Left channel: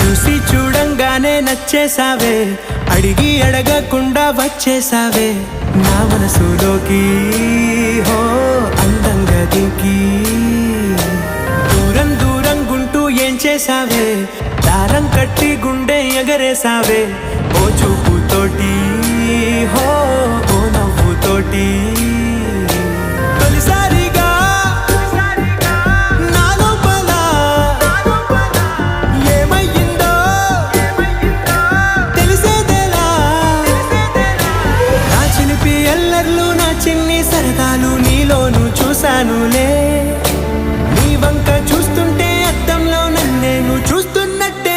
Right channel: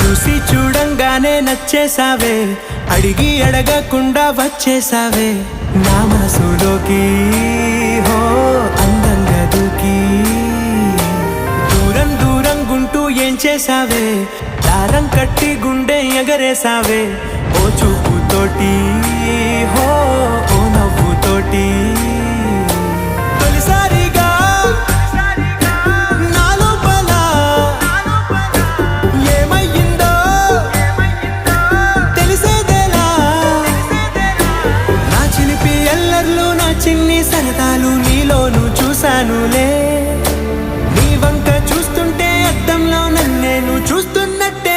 చూసి చూడంగానే నచ్చేసావే, అడిగి అడగకుండా వచ్చేసావే నా మనసులోకి, హో అందంగా దూకి. దూరం దూరం గుంటూ ఏం చేసావే, దారం కట్టి గుండె ఎగరేసావే ఓ చూపుతోటి, హో ఓ నవ్వుతోటి. తొలిసారిగా నా లోపల ఏమయ్యిందో తెలిసేదేలా. నా చిలిపి ఎల్లర్లు, నా చిన్ని సరదాలు నీలోను చూశానులే. నీ వంక చూస్తుంటే అద్దంలో నన్నేను చూస్తున్నట్టే